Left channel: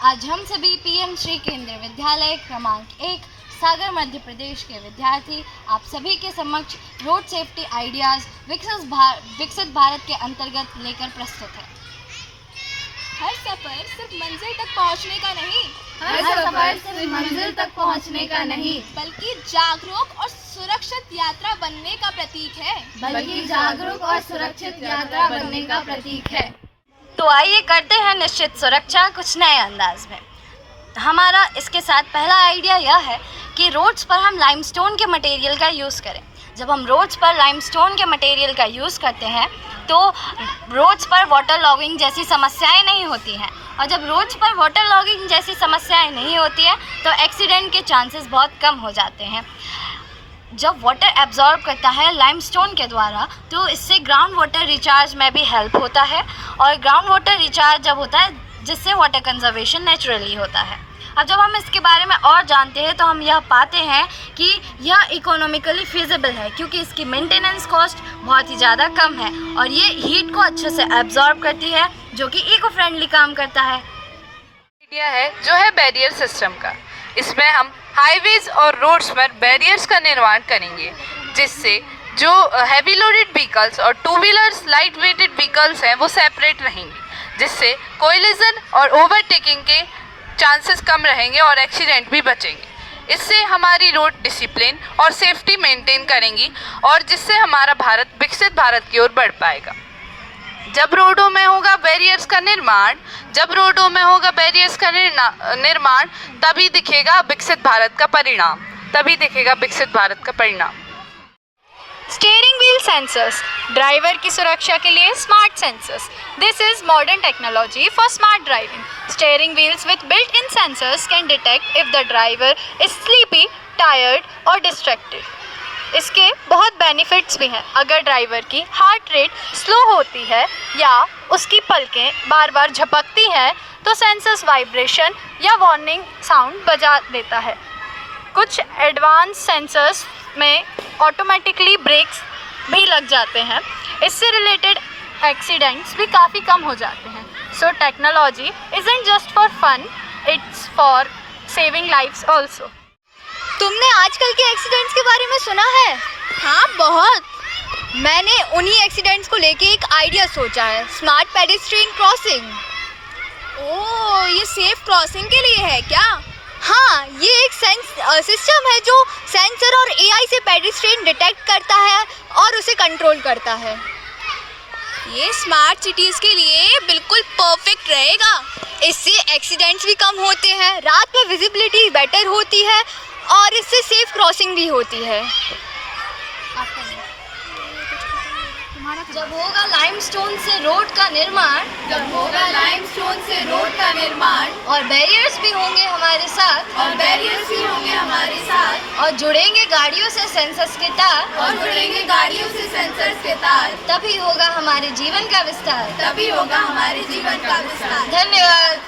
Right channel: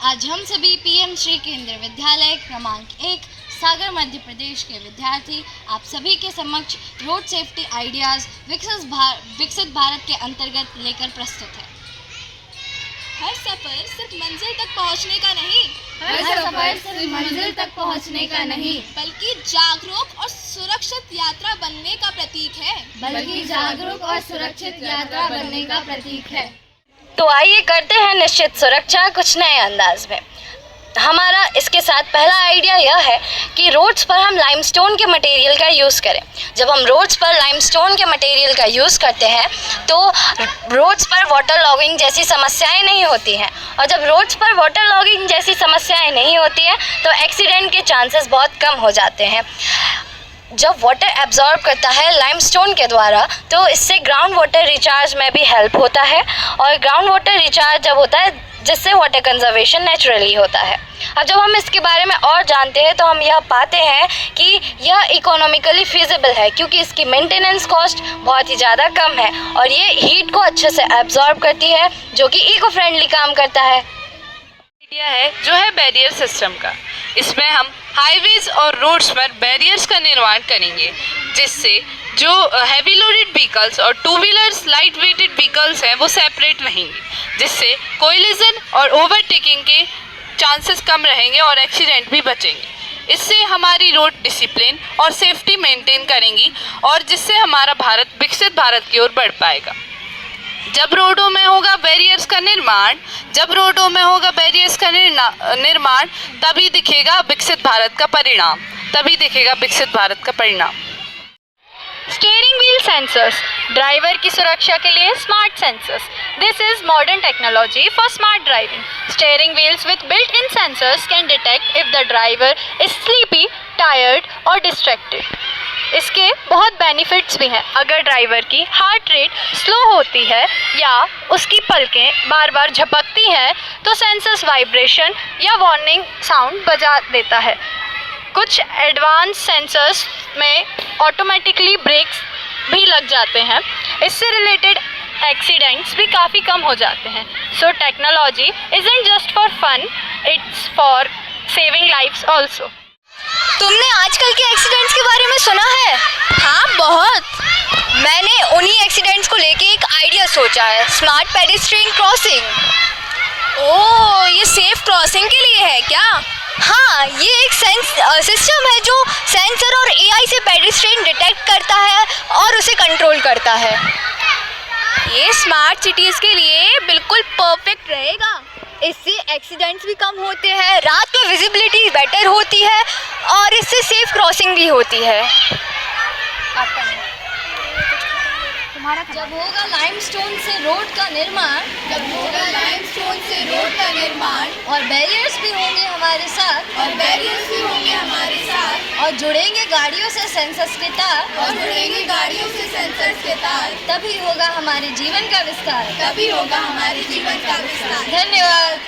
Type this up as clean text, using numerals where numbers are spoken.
आज हम सभी पीएम श्री केंद्रीय विद्यालय क्रमांक 1 सागर मध्य प्रदेश के विद्यार्थी आप सभी के समक्ष रोड सेफ्टी आइडियाज़ विकसित भारत के अंतर्गत लेकर प्रस्तुत है। हर सफ़र सिर्फ मंजिल तक पहुंचने का नहीं, बल्कि जागरूक और सुरक्षित यात्रा बनने का प्रतीक है। तो आइए करते हैं निश्चित सुरक्षा कुछ नए अंदाज में। हमारा इसके साथ पहला आइडिया यह है कि रोड्स पर हम लाइमस्टोन के मटेरियल का यूज़ करें। जब हम रोड्स पर लाइमस्टोन के मटेरियल का यूज़ करते हैं तो रोड्स पर वाटर लॉगिंग जैसी समस्याएं नहीं होती हैं, और जब रोड्स पर वाटर लॉगिंग जैसी समस्याएं नहीं होती हैं तो एक्सीडेंट के चांसेस बहुत कम हो जाते हैं। जब वाटर एब्जॉर्ब करता है लाइमस्टोन के द्वारा तो इससे ग्राउंड वाटर रिचार्ज में भी हेल्प होता है, और ग्राउंड वाटर रिचार्ज जब होता है जिससे वाटर कंजर्वेशन नेचुरली होता है। अब जब हम इसके बारे में और जानते हैं तो हम यह पाते हैं कि यह इकोनॉमिकली फिजिबल है, क्योंकि इसकी मेंटेनेंस कॉस्ट बहुत ही ज़्यादा कम है और ये हीट को अच्छे से एब्जॉर्ब करती है, जो कि इको फ्रेंडली काम करता है। आइडिया है जो है बैरियर सिस्टम का। इसमें हम हाईवेज और रोड्स पर बैरियर्स का निर्माण करेंगे, जिससे जो हैवी लोडेड व्हीकल्स और two wheelers light weighted vehicles हैं वो सेपरेट रहेंगे, जिससे कोलिजन और ओवरटेकिंग के चांसेस कम रहेंगे और एक्सीडेंट भी बचेंगे। इससे हमारी रोड डिसिप्लिन और सेफ्टी मेंटेन करेंगी, और जिससे हमारा भारत विकसित भारत की ओर बढ़ पाएगा। जब रोडों में होगा बैरियर्स का निर्माण तभी दिखेगा विकसित भारत का परिणाम। स्टीयरिंग व्हील सेंसर्स, ड्राइवर की सुरक्षा के लिए smart sensors. This is modern technology for smart driving. Steering wheels with built-in sensors can detect if the driver is sleepy, tired or distracted. इसके बहुत बेनिफिट्स भी हैं। अगर ड्राइवर की हार्ट रेट स्लो होती है या उसकी पलकें बार बार झपकती हैं तो सेंसर्स वाइब्रेशन या वार्निंग साउंड बजा देता है। कुछ एडवांस सेंसर्स में ऑटोमेटिकली ब्रेक्स भी लग जाते हैं। इससे रिलेटेड एक्सीडेंट्स भी काफ़ी कम हो जाते हैं। So technology isn't just for fun, it's for saving lives also. तुमने आजकल के एक्सीडेंट्स के बारे में सुना है? हाँ, बहुत। मैंने उन्हीं एक्सीडेंट्स को लेके एक आइडिया सोचा है, स्मार्ट पेडेस्ट्रियन क्रॉसिंग। ओह, ये सेफ क्रॉसिंग के लिए है क्या? हाँ, ये एक सिस्टम है जो सेंसर और एआई से पेडेस्ट्रियन डिटेक्ट करता है और उसे कंट्रोल करता है। ये स्मार्ट सिटीज़ के लिए बिल्कुल परफेक्ट रहेगा। इससे एक्सीडेंट्स भी कम होते हैं, रात में विजिबिलिटी बेटर होती है और इससे सेफ क्रॉसिंग भी होती है। जब होगा लाइमस्टोन से रोड का निर्माण और बैरियर्स भी होंगे हमारे साथ, और जुड़ेंगे गाड़ियों से सेंसर्स के तार, तभी होगा हमारे जीवन का विस्तार। तभी होगा हमारे जीवन का विस्तार। धन्यवाद।